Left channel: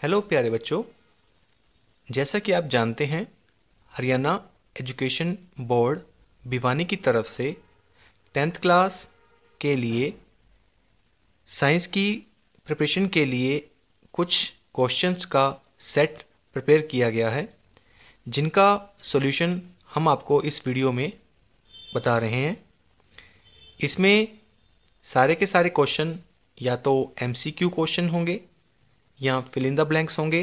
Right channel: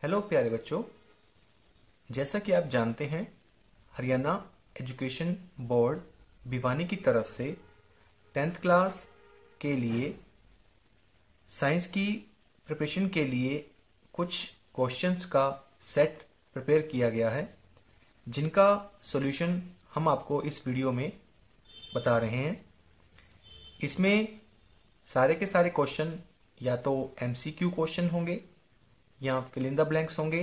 Hello प्यारे बच्चों, जैसा कि आप जानते हैं हरियाणा एजुकेशन बोर्ड भिवानी की तरफ से 10th क्लास के लिए साइंस की प्रिपरेशन के लिए कुछ क्वेश्चंस का सेट प्रिपेयर किया गया है, जिनका सॉल्यूशन हम आपको इस वीडियो में बता रहे हैं। इसमें सारे के सारे क्वेश्चन या तो एमसीक्यू क्वेश्चन होंगे या फिल इन द ब्लैंक्स होंगे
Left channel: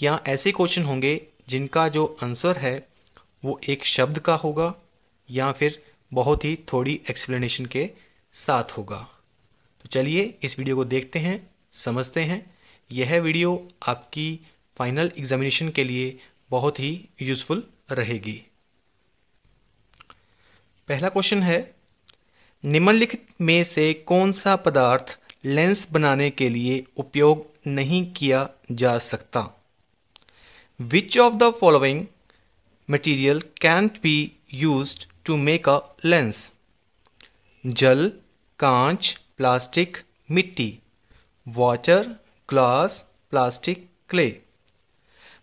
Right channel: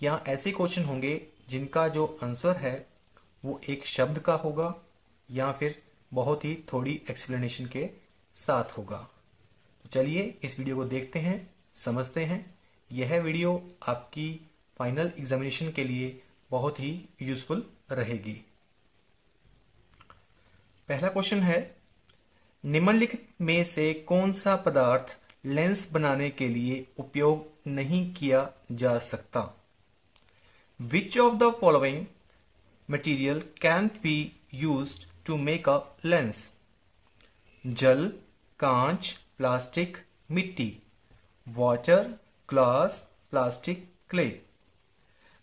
या ऐसे क्वेश्चन होंगे जिनका जो आंसर है वो एक शब्द का होगा या फिर बहुत ही थोड़ी एक्सप्लेनेशन के साथ होगा। तो चलिए इस वीडियो को देखते हैं, समझते हैं। यह वीडियो आपकी फाइनल एग्जामिनेशन के लिए बहुत ही यूज़फुल रहेगी। पहला क्वेश्चन है, निम्नलिखित में से कौन सा पदार्थ लेंस बनाने के लिए उपयोग नहीं किया जा सकता? Which of the following material can't be used to make a lens? जल, कांच, प्लास्टिक, मिट्टी, वाटर, ग्लास, प्लास्टिक, क्ले।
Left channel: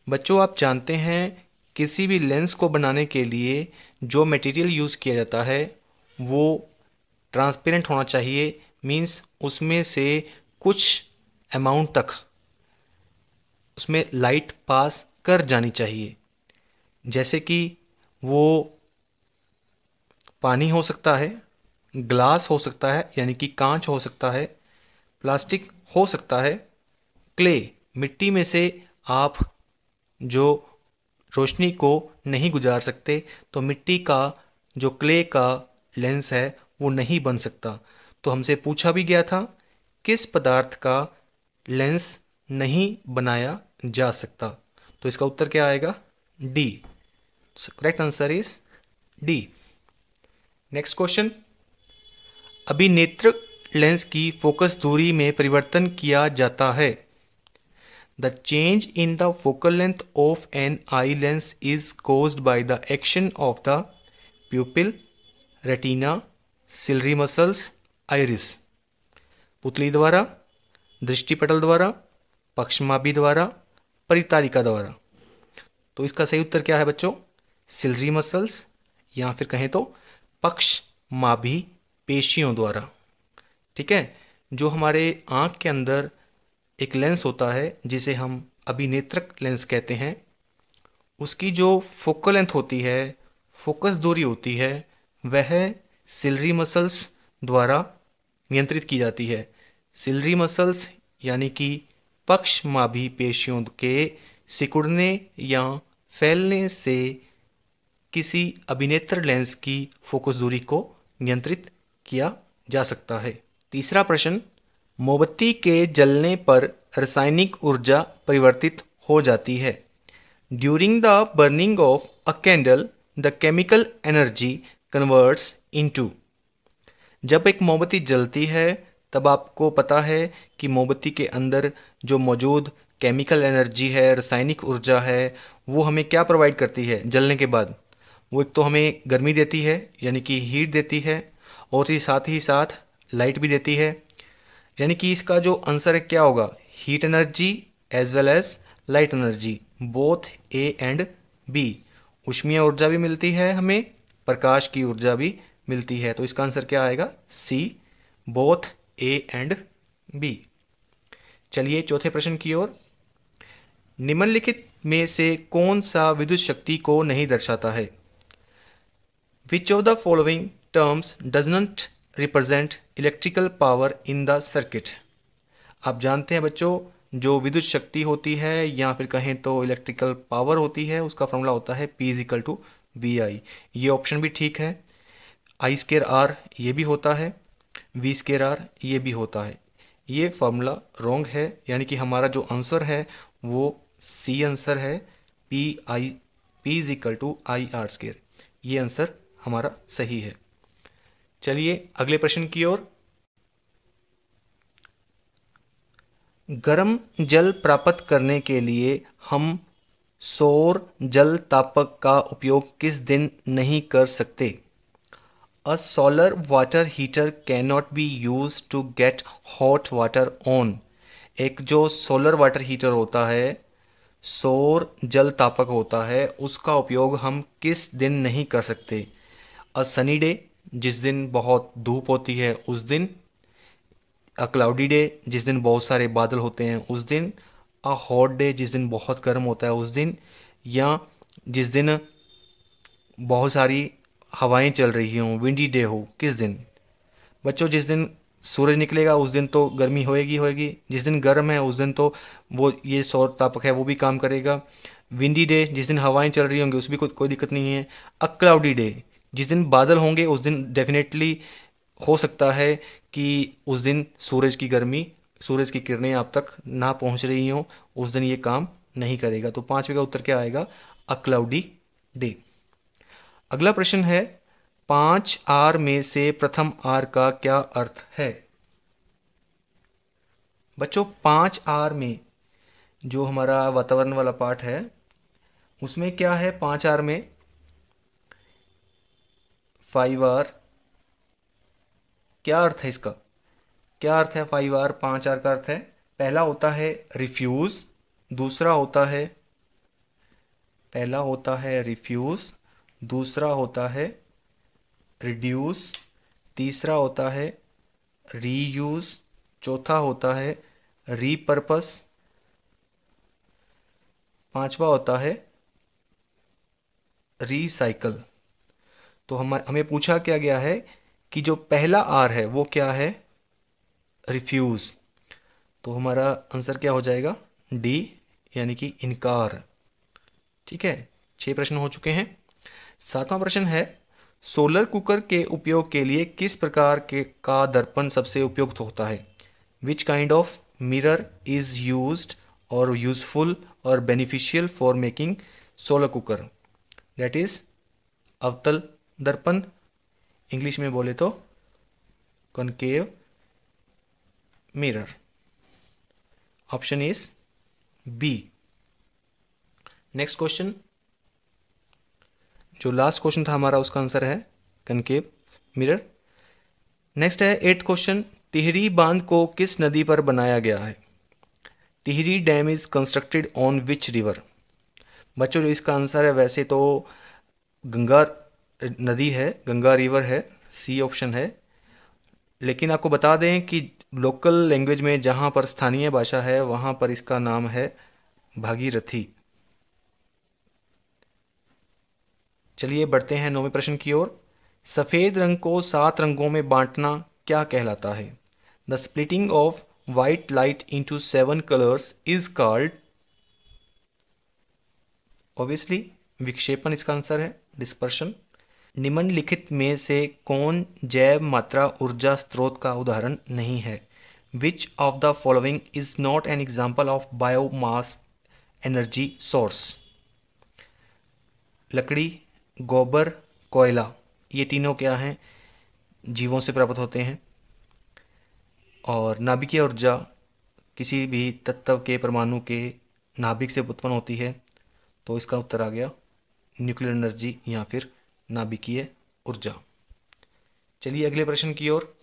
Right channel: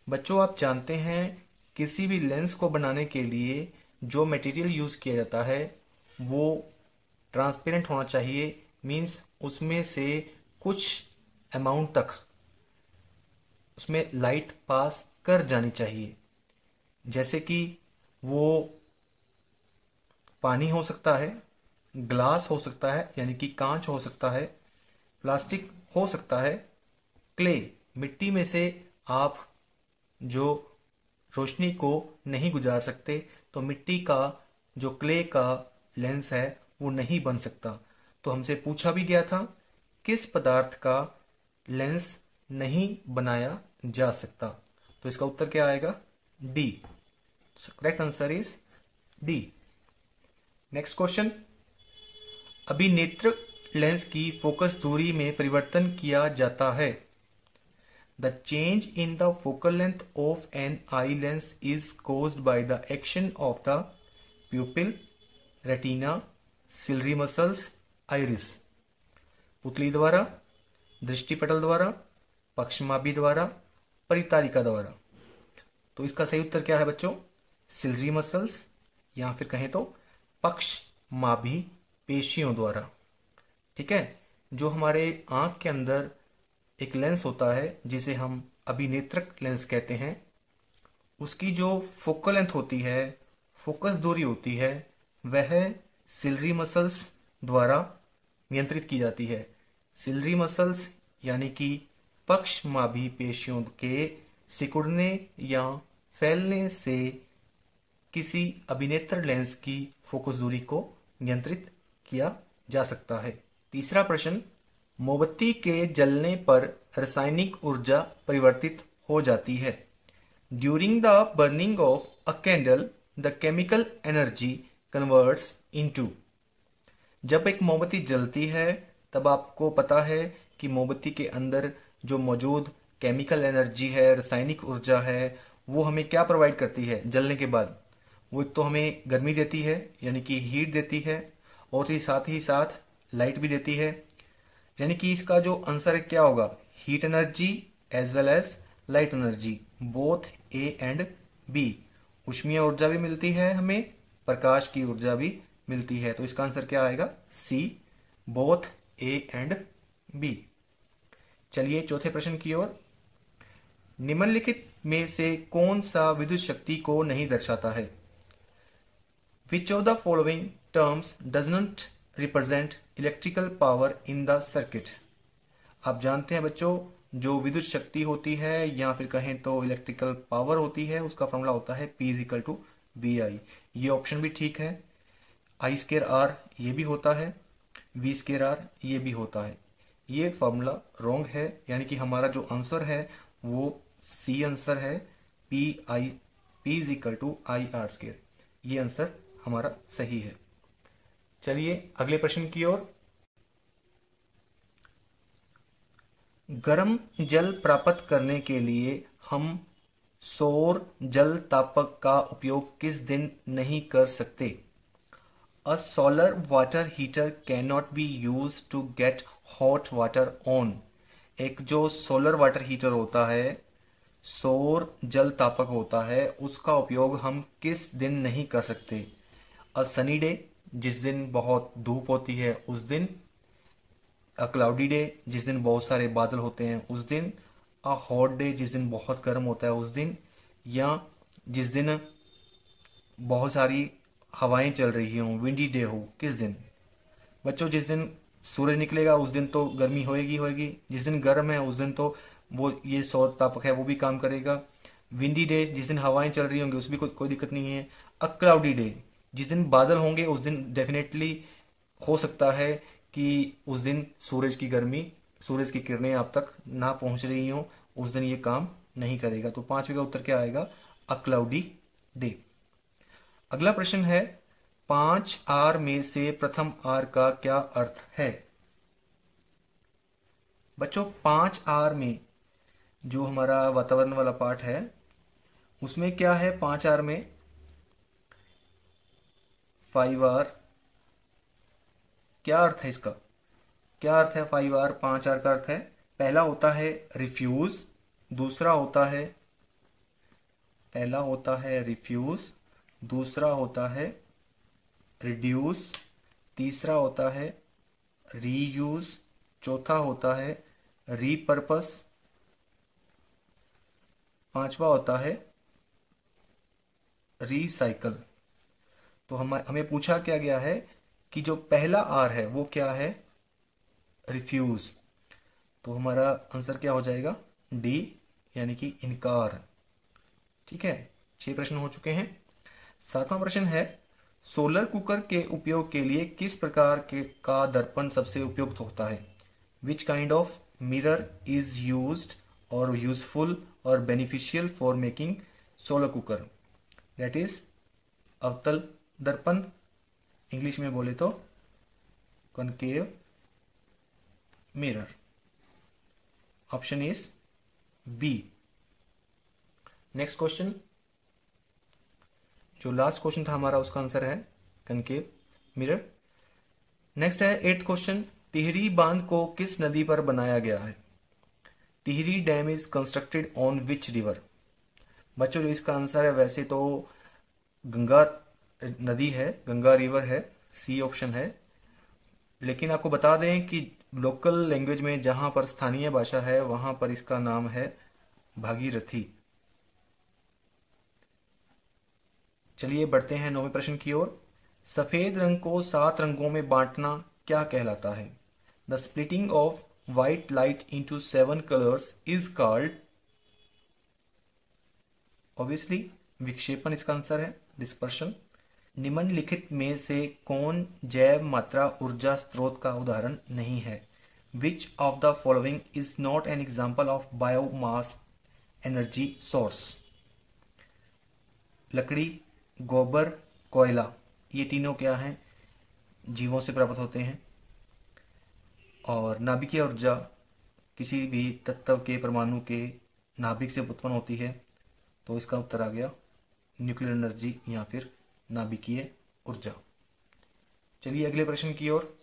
बच्चों, आप जानते हैं किसी भी लेंस को बनाने के लिए जो मटेरियल यूज़ किया जाता है वो ट्रांसपेरेंट होना चाहिए। मीन्स उसमें से कुछ अमाउंट तक उसमें लाइट पास कर जानी चाहिए। जैसे कि वो पानी हो सकता है, ग्लास हो सकता है यानी कि कांच हो सकता है, प्लास्टिक हो सकता है, क्ले मिट्टी में से आप जो रोशनी को नहीं गुजार सकते, तो मिट्टी का जो क्ले का लेंस है वो नहीं बन सकता। तो हमसे पूछा भी गया था किस पदार्थ का लेंस नहीं बनाया जा सकता, तो इसका उत्तर क्या आएगा? D. Correct answer is D. Next question, अभिनेत्र लेंस की फोकस दूरी में परिवर्तन किया जाता है। The change in the focal length of an eye lens is caused by the action of the pupil, retina, ciliary muscles, iris. पुतली द्वारा, दृष्टिपटल द्वारा, पक्षमाभि द्वारा, परितारिका द्वारा। तो इसका सही उत्तर क्या है बच्चों? सिलरी मसल्स या फिर कहें तो पक्षमाभि पेशियों द्वारा। ठीक है, जो हमारे आंख के अंदर एक लेंस होता है जिसे हम अभिनेत्रक लेंस कहते हैं, उसकी जो फोकल लेंथ होती है, फोकस दूरी होती है, वह सिलरी मसल्स द्वारा नियंत्रित की जाती है। सिलरी मसल्स यानी कि पक्षमाभि पेशियों के सिकुड़ने या फैलने से किसी अभिनेत्र लेंस की फोकस दूरी को नियंत्रित किया जा सकता है। तीसरा प्रश्न, मोमबत्ती के जलने पर रासायनिक ऊर्जा परिवर्तित हो जाती है। During the burning of a candle the chemical energy converts into. जब एक मोमबत्ती जलती है तब आपको पता है कि मोमबत्ती के अंदर जो मौजूद केमिकल एनर्जी है, रासायनिक ऊर्जा है, वो हमें क्या प्रोवाइड करती है जलने के बाद? वो एक तो हमें गर्मी देती है यानी कि हीट देती है, और ही साथ लाइट भी देती है। यानी कि इसका जो आंसर है क्या होगा? Heat energy as well as light energy, both A and B. ऊष्मीय ऊर्जा भी मिलती है हमें, प्रकाश की ऊर्जा भी मिलती है। तो इसका आंसर क्या आएगा? सी, बोथ ए एंड बी। चलिए चौथे प्रश्न की ओर। निम्नलिखित में से कौन सा विद्युत शक्ति को नहीं दर्शाता है? Which of the following terms does not represent electrical power in the circuit? आप जानते हैं बच्चों, जो विद्युत शक्ति होती है या फिर कहें तो इलेक्ट्रिकल पावर होती है, उसका फॉर्मूला होता है P इजिकल टू वी आई। ये ऑप्शन भी ठीक है। आई स्केयर आर ये भी होता है, वी स्केयर आर ये भी होता है। ये फॉर्मूला रॉन्ग है, यानी कि हमारा जो आंसर है वो सी आंसर है। P is equal to I R square, ये आंसर हमारा सही है। चलिए अगले प्रश्न की ओर। गर्म जल प्राप्त करने के लिए हम सौर जल तापक का उपयोग किस दिन नहीं कर सकते? A solar water heater cannot be used to get hot water on एक जो सोलर वाटर हीटर होता है, सौर जल तापक होता है, उसका उपयोग हम किस दिन नहीं कर सकते? अ सनी डे, जिस दिन बहुत धूप होती है उस दिन। अ क्लाउडी डे, जिस दिन बहुत सारे बादल होते हैं उस दिन। अ हॉट डे, जिस दिन बहुत गर्म होता है उस दिन। या जिस दिन बहुत सारी हवाएं चल रही हों, विंडी डे हो, किस दिन? बच्चों, जिस दिन सूरज निकलेगा उस दिन तो गर्मी होएगी होएगी, जिस दिन गर्म है उस दिन तो वो ये सौर तापक है वो भी काम करेगा। विंडी डे, जिस दिन हवाएं चल रही होंगी, उसमें कोई दिक्कत नहीं है। अ क्लाउडी डे, जिस दिन बादल होंगे उस दिन डेफिनेटली हो सकता है कि उस दिन सूरज की किरणें आप तक ना पहुंच रही हों, उस दिन ये काम नहीं करेगा। तो पांचवे का उत्तर क्या आएगा? A cloudy day. अगला प्रश्न है, 5 आर में से प्रथम आर का क्या अर्थ है? बच्चों, 5 आर में जो हमारा वातावरण वाला पार्ट है उसमें क्या है? 5 आर में 5 आर, क्या अर्थ है इसका? क्या अर्थ है 5 आर? 5 आर का अर्थ है, पहला होता है रिफ्यूज, दूसरा होता है पहला होता है रिफ्यूज, दूसरा होता है रिड्यूस, तीसरा होता है रीयूज, चौथा होता है रीपर्पस, पांचवा होता है रीसाइकल। तो हमें पूछा क्या गया है कि जो पहला आर है वो क्या है? रिफ्यूज। तो हमारा आंसर क्या हो जाएगा? डी, यानी कि इनकार। ठीक है, 6 प्रश्न हो चुके हैं। सातवां प्रश्न है, सोलर कुकर के उपयोग के लिए किस प्रकार के का दर्पण सबसे उपयुक्त होता है? Which kind of mirror is used और यूजफुल और beneficial for making solar cooker? That is अवतल दर्पण, इंग्लिश में बोले तो concave mirror. Option is B. Next question, जो लास्ट क्वेश्चन था हमारा, उसका आंसर है कनकेव मिरर। नेक्स्ट है 8th क्वेश्चन, टिहरी बांध को किस नदी पर बनाया गया है? Tehri dam is constructed on which river? बच्चों, जो इसका आंसर है वैसे तो गंगा नदी है, गंगा रिवर है, सी ऑप्शन है। लेकिन आपको बता दें कि लोकल लैंग्वेज में जहाँ पर स्थानीय भाषा है वहाँ पर इसका नाम है भागीरथी। चलिए बढ़ते हैं 9वें प्रश्न की ओर। सफ़ेद रंग को 7 रंगों में बांटना क्या कहलाता है? The splitting of white light into 7 colours is called? Obviously विक्षेपण इसका आंसर है, डिस्पर्शन। निम्नलिखित में से कौन जैव मात्रा ऊर्जा स्रोत का उदाहरण नहीं है? विच of the following is not an example of biomass energy source? लकड़ी, गोबर, कोयला, ये तीनों क्या हैं? जीवों से प्राप्त होते हैं। और नाभिकीय ऊर्जा किसी भी तत्व के परमाणु के नाभिक से उत्पन्न होती है। तो इसका उत्तर आ गया न्यूक्लियर एनर्जी या फिर नाभिकीय ऊर्जा। चलिए अगले प्रश्न की ओर।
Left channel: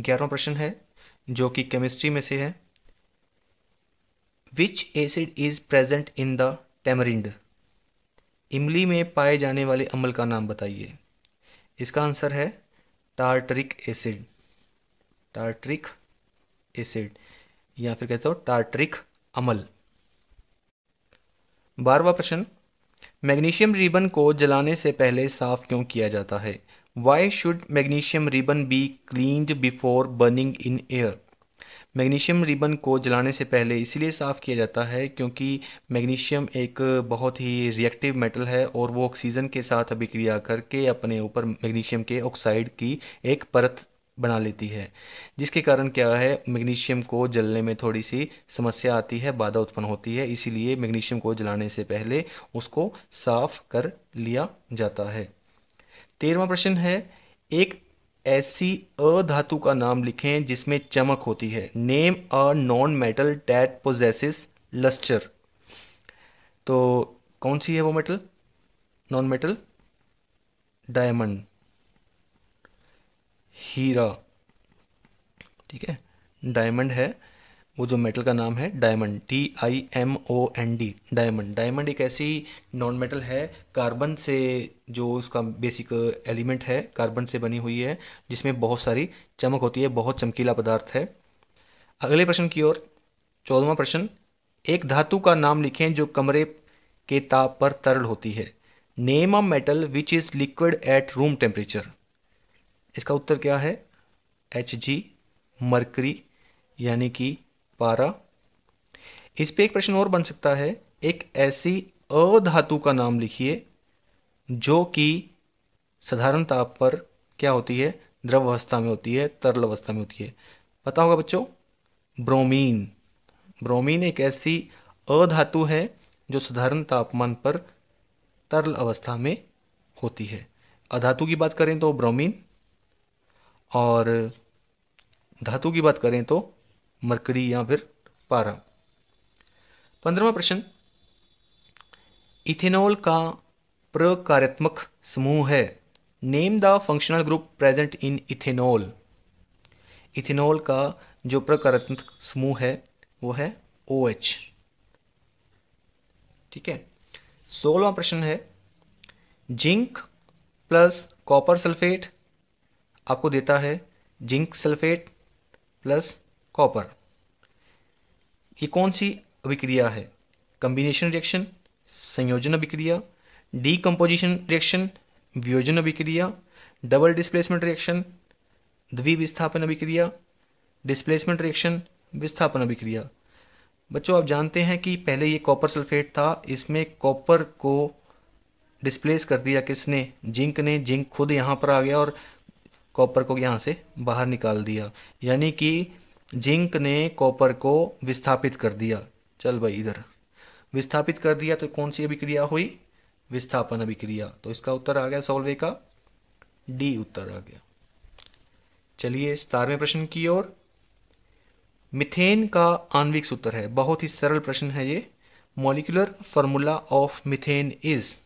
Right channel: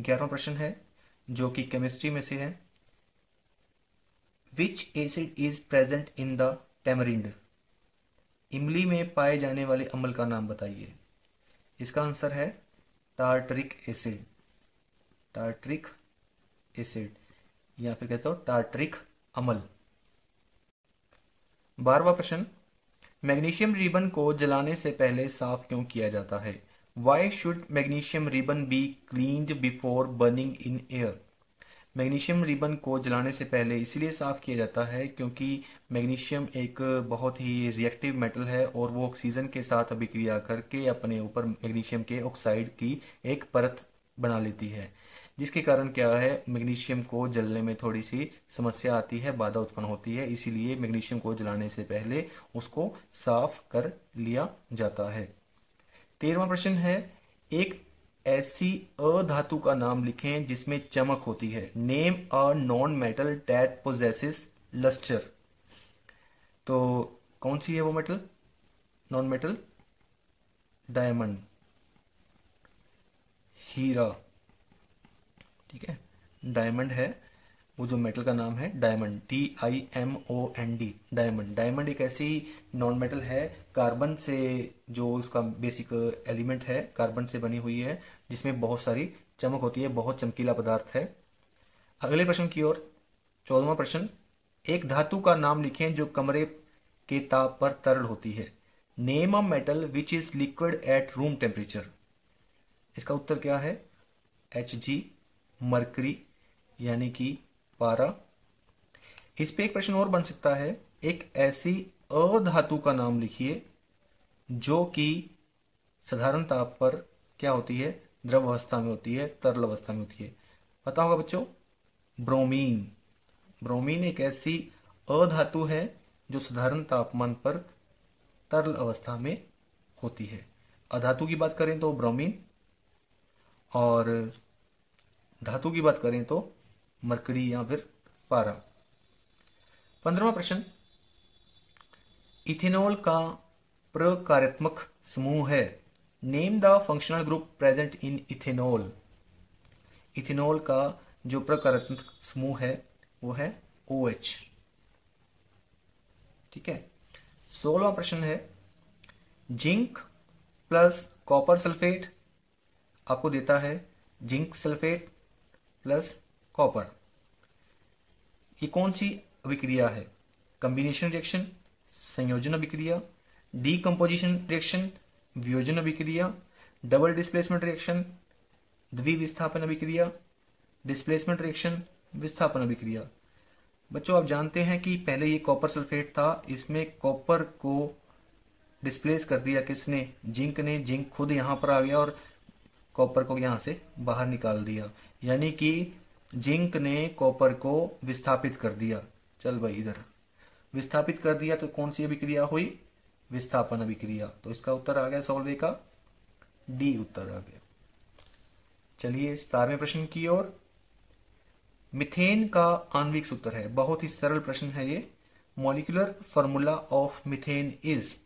11वां प्रश्न है जो कि केमिस्ट्री में से है। विच acid is present in the tamarind? इमली में पाए जाने वाले अम्ल का नाम बताइए। इसका आंसर है टार्टरिक एसिड। टार्टरिक एसिड या फिर कहते हो टार्टरिक अम्ल। 12वां प्रश्न, मैग्नीशियम रिबन को जलाने से पहले साफ क्यों किया जाता है? Why should magnesium ribbon be cleaned before burning in air? Magnesium ribbon को जलाने से पहले इसलिए साफ़ किया जाता है क्योंकि मैग्नीशियम एक बहुत ही रिएक्टिव मेटल है और वो ऑक्सीजन के साथ अभिक्रिया करके अपने ऊपर मैग्नीशियम के ऑक्साइड की एक परत बना लेती है, जिसके कारण क्या है, मैग्नीशियम को जलने में थोड़ी सी समस्या आती है, बाधा उत्पन्न होती है। इसीलिए मैग्नीशियम को जलाने से पहले उसको साफ कर लिया जाता है। 13वां प्रश्न है, एक ऐसी अधातु का नाम लिखें जिसमें चमक होती है। Name a non metal that possesses lustre. तो कौन सी है वो मेटल? नॉन मेटल, डायमंड, हीरा। ठीक है, डायमंड है वो जो मेटल का नाम है डायमंड, DIMOND, डायमंड। डायमंड एक ऐसी नॉन मेटल है कार्बन से, जो उसका बेसिक एलिमेंट है कार्बन से बनी हुई है, जिसमें बहुत सारी चमक होती है, बहुत चमकीला पदार्थ है। अगले प्रश्न की ओर, 14वां प्रश्न, एक धातु का नाम लिखें जो कमरे के ताप पर तरल होती है। Name a metal which is liquid at room temperature. इसका उत्तर क्या है? Hg, मरकरी यानी कि पारा। इस पे एक प्रश्न और बन सकता है, एक ऐसी अधातु का नाम लिखिए जो कि साधारण ताप पर क्या होती है? द्रव अवस्था में होती है, तरल अवस्था में होती है। पता होगा बच्चों, ब्रोमीन। ब्रोमीन एक ऐसी अधातु है जो साधारण तापमान पर तरल अवस्था में होती है। अधातु की बात करें तो ब्रोमीन, और धातु की बात करें तो मरकरी या फिर पारा। 15वां प्रश्न, इथेनॉल का प्रकार्यात्मक समूह है। Name the functional group present in ethanol. Ethanol का जो प्रकार्यात्मक समूह है वो है OH। ठीक है। 16वां प्रश्न है, जिंक प्लस कॉपर सल्फेट आपको देता है जिंक सल्फेट प्लस कॉपर। ये कौन सी अभिक्रिया है? कंबिनेशन रिएक्शन, संयोजन अभिक्रिया, डीकम्पोजिशन रिएक्शन, वियोजन अभिक्रिया, डबल डिस्प्लेसमेंट रिएक्शन, द्विविस्थापन अभिक्रिया, डिस्प्लेसमेंट रिएक्शन, विस्थापन अभिक्रिया। बच्चों आप जानते हैं कि पहले ये कॉपर सल्फेट था, इसमें कॉपर को डिस्प्लेस कर दिया किसने? जिंक ने। जिंक खुद यहाँ पर आ गया और कॉपर को यहाँ से बाहर निकाल दिया, यानी कि जिंक ने कॉपर को विस्थापित कर दिया। चल भाई इधर, विस्थापित कर दिया तो कौन सी अभिक्रिया हुई? विस्थापन अभिक्रिया। तो इसका उत्तर आ गया सॉल्वे का डी उत्तर आ गया। चलिए 17वें प्रश्न की ओर। मीथेन का आणविक सूत्र है, बहुत ही सरल प्रश्न है ये। Molecular formula of methane is,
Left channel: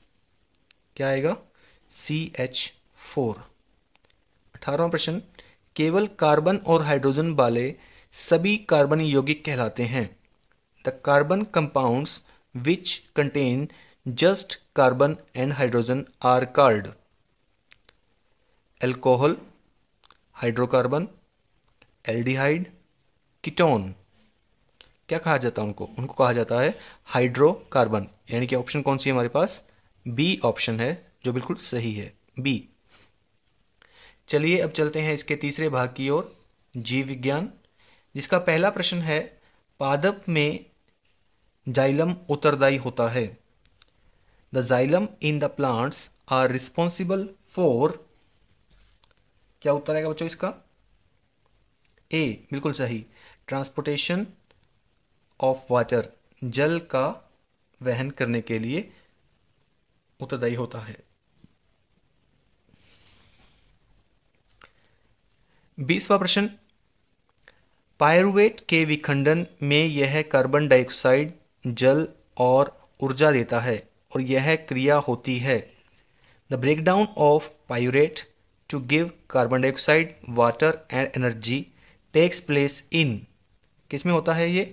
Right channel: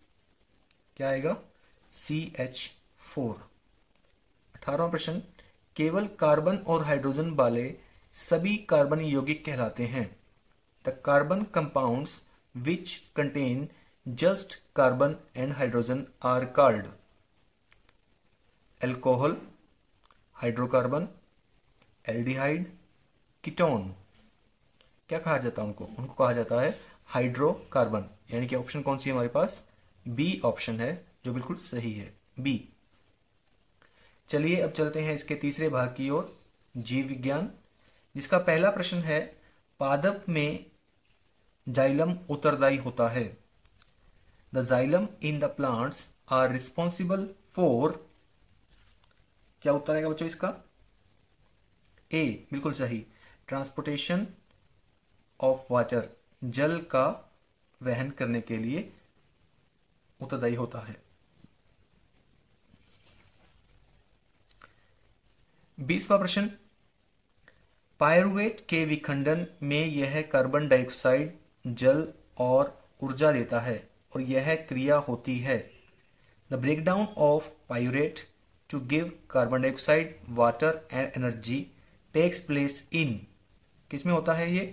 क्या आएगा? CH4। 18वां प्रश्न, केवल कार्बन और हाइड्रोजन वाले सभी कार्बन यौगिक कहलाते हैं। The carbon compounds which contain just carbon and hydrogen are called. Alcohol, hydrocarbon, aldehyde, ketone. क्या कहा जाता है उनको? उनको कहा जाता है हाइड्रोकार्बन। यानी कि ऑप्शन कौन सी है हमारे पास? बी ऑप्शन है, जो बिल्कुल सही है, बी। चलिए अब चलते हैं इसके तीसरे भाग की ओर, जीव विज्ञान, जिसका पहला प्रश्न है, पादप में जाइलम उत्तरदायी होता है। The xylem in the plants are responsible for, क्या उत्तर आएगा बच्चों इसका? ए बिल्कुल सही, ट्रांसपोर्टेशन ऑफ वाटर, जल का वहन करने के लिए उत्तरदायी होता है। 20वां प्रश्न, पायरुवेट के विखंडन में यह कार्बन डाइऑक्साइड, जल और ऊर्जा देता है और यह क्रिया होती है। The breakdown of pyruvate to give carbon dioxide, water and energy takes place in, किस में होता है ये?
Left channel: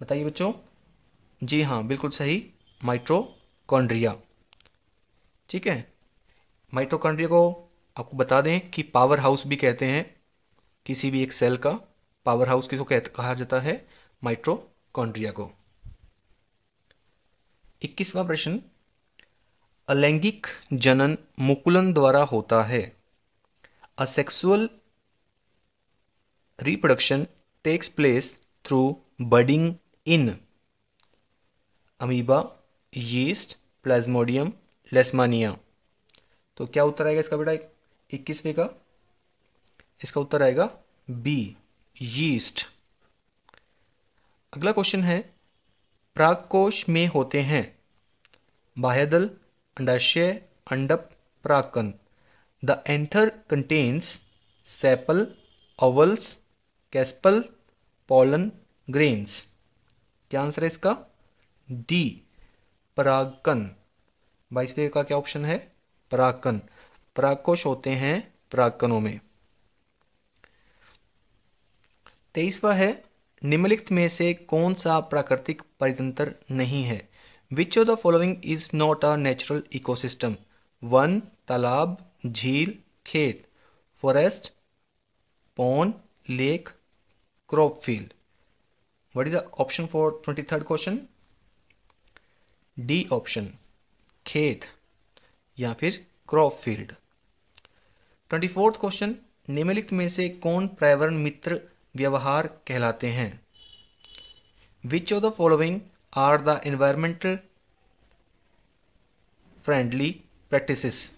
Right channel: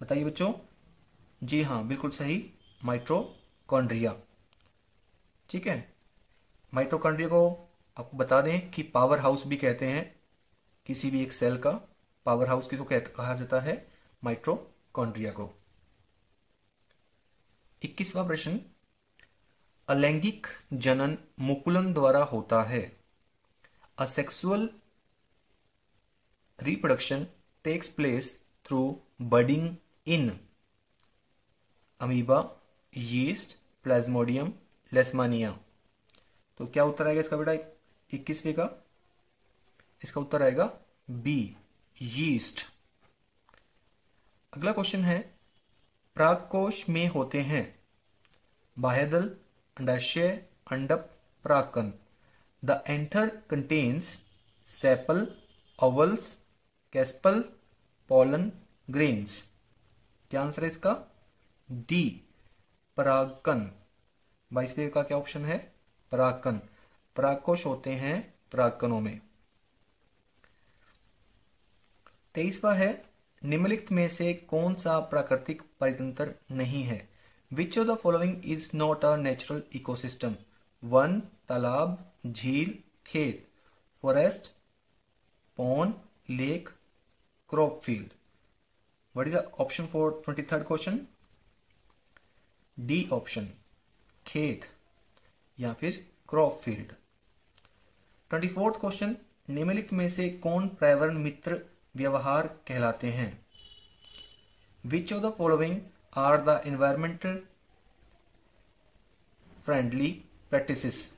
बताइए बच्चों। जी हाँ बिल्कुल सही, माइटोकॉन्ड्रिया। ठीक है। माइटोकॉन्ड्रिया को आपको बता दें कि पावर हाउस भी कहते हैं, किसी भी एक सेल का पावर हाउस किसको कहा जाता है? माइटोकॉन्ड्रिया को। 21वां प्रश्न, अलैंगिक जनन मुकुलन द्वारा होता है। A sexual reproduction takes place through budding in amoeba, yeast, plasmodium, leishmania. तो क्या उत्तर आएगा इसका बेटा 21वें का? इसका उत्तर आएगा बी, यीस्ट। अगला क्वेश्चन है, परागकोश में होते हैं बाह्यदल, अंडाशय, अंडप, परागकण। The anther contains sepal, ovules, carpel, pollen, grains. क्या आंसर है इसका? डी, परागकण। 22वें का क्या ऑप्शन है? परागकण। परागकोश होते हैं परागकणों में। 23वां है, निम्नलिखित में से कौन सा प्राकृतिक परितंत्र नहीं है? विच of the following is not a natural ecosystem? One, तालाब, झील, खेत, forest, pond, lake, crop field. What is the option for 23rd question? D option, खेत या फिर क्रॉप फील्ड. 24th क्वेश्चन, निम्नलिखित में से कौन पर्यावरण मित्र व्यवहार कहलाते हैं? Which of the following are the environmental friendly practices?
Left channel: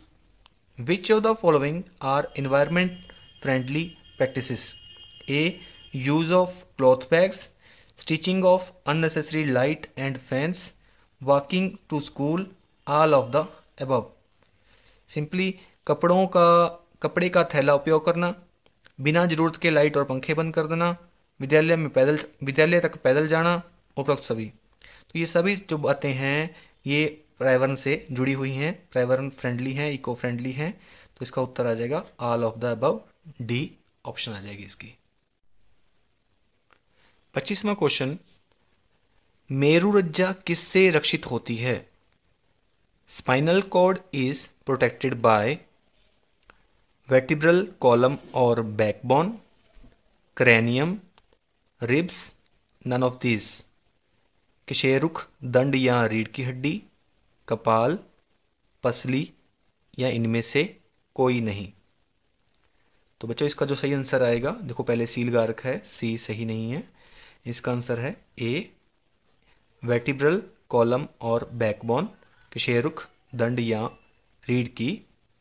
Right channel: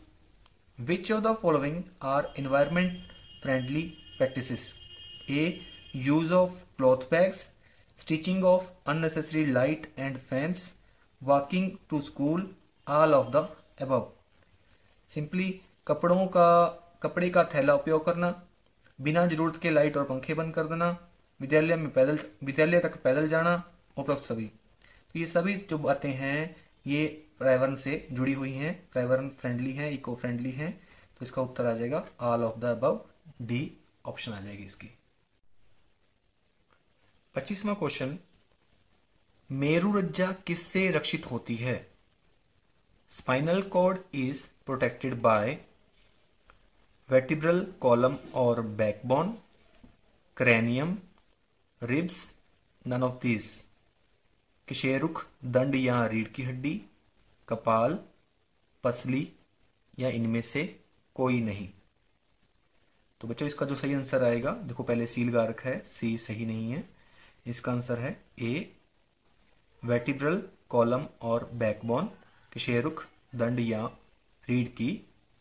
Which of the following are environment friendly practices? A, use of cloth bags, switching of unnecessary light and fans, walking to school, all of the above. सिंपली कपड़े का थैला उपयोग करना, बिना जरूरत के light और पंखे बंद कर देना, विद्यालय तक पैदल जाना, उपरोक्त सभी. तो ये सभी जो बातें हैं ये पर्यावरण से जुड़ी हुई हैं, पर्यावरण फ्रेंडली हैं, इको फ्रेंडली हैं. तो इसका उत्तर आ जाएगा all of the above, D option आ जाएगी इसकी. 25वां क्वेश्चन, मेरुरज्जा किससे रक्षित होती है? Spinal cord is protected by vertebral column और backbone, cranium, ribs, none of this. किशेरुख, दंड या रीढ़ की हड्डी, कपाल, पसली या इनमें से कोई नहीं. तो बच्चों इसका जो सही आंसर आएगा, देखो पहले सी लगा रखा है, सी सही नहीं है. इसका आंसर है ए, वर्टिब्रल कॉलम और बैकबोन, किशेरुख, दंड या रीढ़ की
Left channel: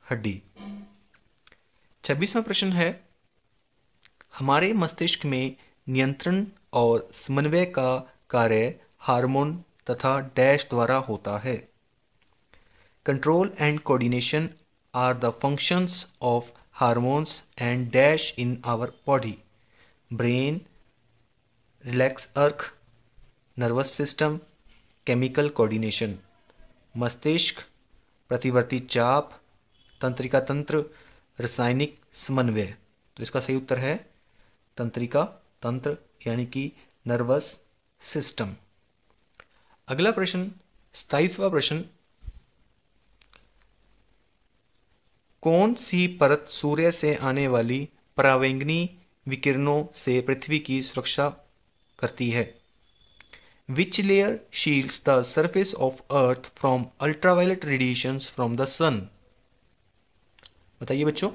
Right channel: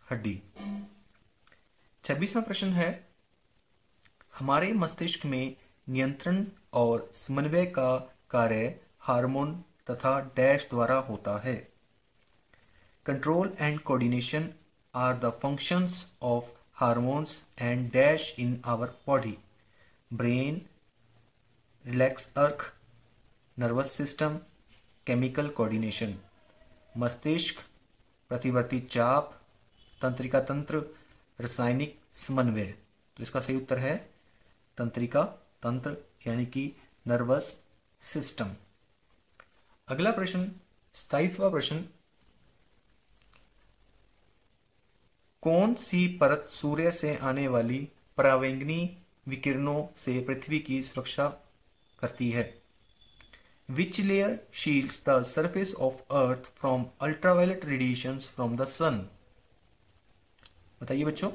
हड्डी. 26वां प्रश्न है, हमारे मस्तिष्क में नियंत्रण और समन्वय का कार्य हार्मोन तथा डैश द्वारा होता है. Control and coordination are the functions of hormones and dash in our body. Brain, reflex arc, nervous system, chemical coordination. मस्तिष्क, प्रतिवर्ती चाप, तंत्रिका तंत्र, रासायनिक समन्वय. तो इसका सही उत्तर है तंत्रिका तंत्र यानी कि नर्वस सिस्टम. अगला प्रश्न 27वां प्रश्न, कौन सी परत सूर्य से आने वाली परावैंगनी विकिरणों से पृथ्वी की सुरक्षा करती है? Which layer shields the surface of earth from ultraviolet radiations from the sun? बताइए बच्चों,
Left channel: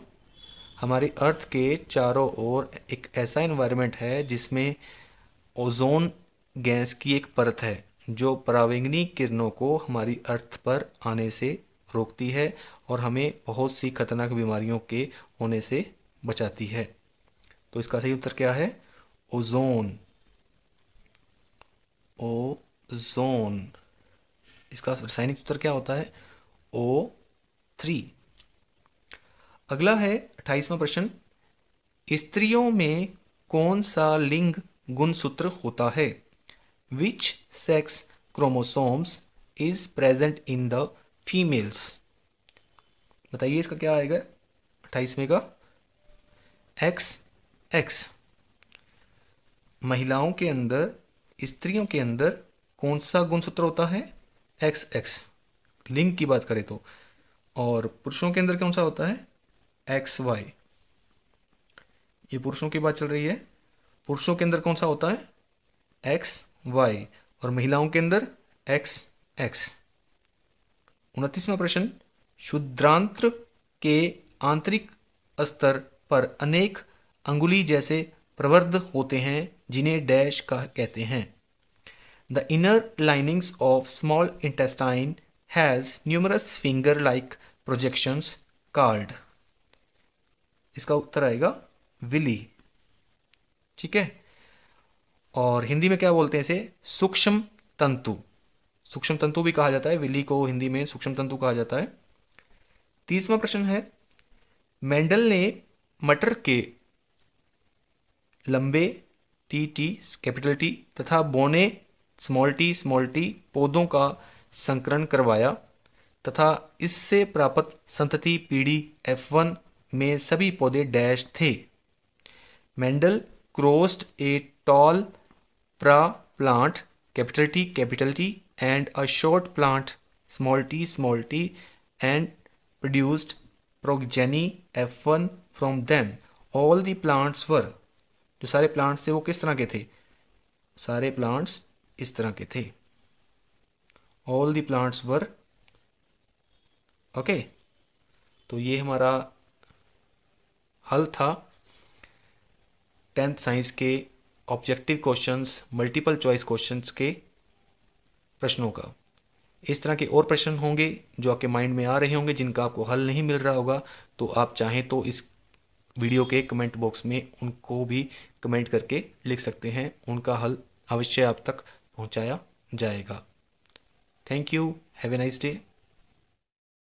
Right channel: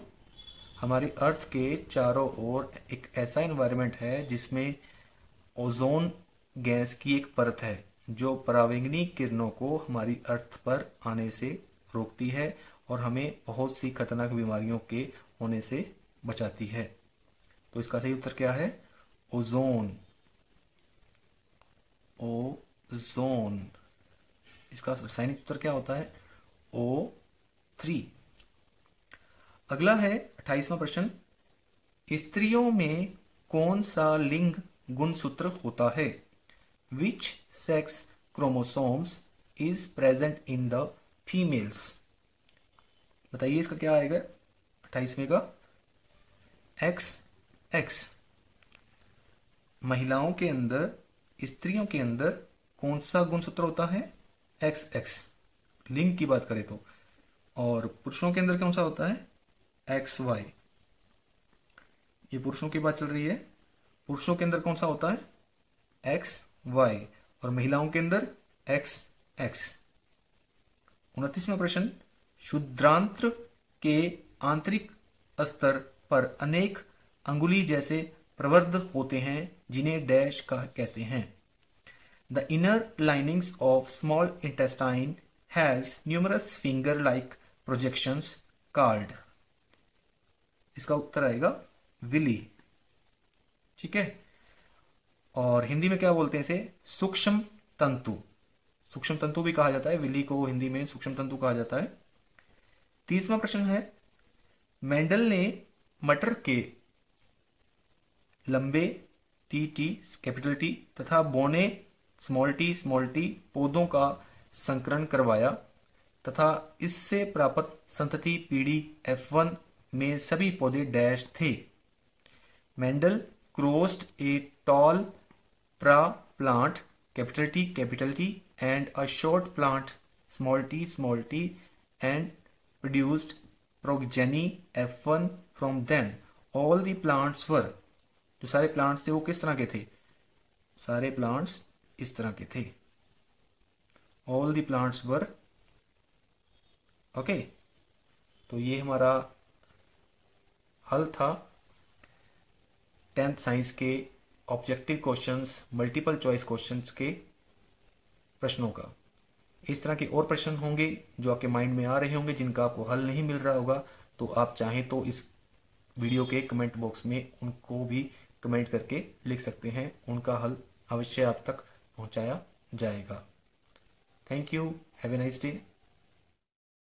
हमारी अर्थ के चारों ओर एक ऐसा एनवायरनमेंट है जिसमें ओजोन गैस की एक परत है जो परावैंगनी किरणों को हमारी अर्थ पर आने से रोकती है और हमें बहुत सी खतरनाक बीमारियों के होने से बचाती है. तो इसका सही उत्तर क्या है? ओजोन. ओजोन. इसका रासायनिक उत्तर क्या होता है? O3. अगला है 28वां प्रश्न, स्त्रियों में कौन सा लिंग गुणसूत्र होता है? Which sex chromosomes is present in the females? बताइए इसका क्या आएगा 28वें का? XX. महिलाओं के अंदर, स्त्रियों के अंदर कौन सा गुणसूत्र होता है? XX, लिंग की बात करें तो. और पुरुषों के अंदर कौन सा होता है? XY. ये पुरुषों की बात चल रही है. पुरुषों के अंदर कौन सा होता है? XY. और महिलाओं के अंदर XX. 29वां प्रश्न, क्षुद्रांत्र के आंतरिक स्तर पर अनेक अंगुली जैसे प्रवर्ध होते हैं जिन्हें डैश कहते हैं. The inner linings of small intestine has numerous finger like projections called. इसका उत्तर आएगा विली. ठीक है. और हिंदी में क्या बोलते हैं इसे? सूक्ष्म तंतु. सूक्ष्म तंतु भी कहा जाता है, विली को हिंदी में सूक्ष्म तंतु कहा जाता है. 30वां प्रश्न है, मेंडल ने मटर के लंबे टी कैपिटल टी तथा बौने स्मॉल टी पौधों का संकरण करवाया तथा इससे प्राप्त संतति पीढ़ी F1 में सभी पौधे डैश थे. Mendel crossed a tall pra plant capital T and a short plant small t and produced progeny F1 from them. All the plants were, जो सारे प्लांट्स थे वो किस तरह के थे? सारे प्लांट्स इस तरह के थे. All the plants were. Okay, तो ये हमारा हल था 10th साइंस के objective questions, multiple choice questions के प्रश्नों का. इस तरह के और प्रश्न होंगे जो आपके माइंड में आ रहे होंगे, जिनका आपको हल नहीं मिल रहा होगा, तो आप चाहें तो इस वीडियो के कमेंट बॉक्स में उनको भी कमेंट करके लिख सकते हैं. उनका हल अवश्य आप तक पहुंचाया जाएगा. Thank you. Have a nice day.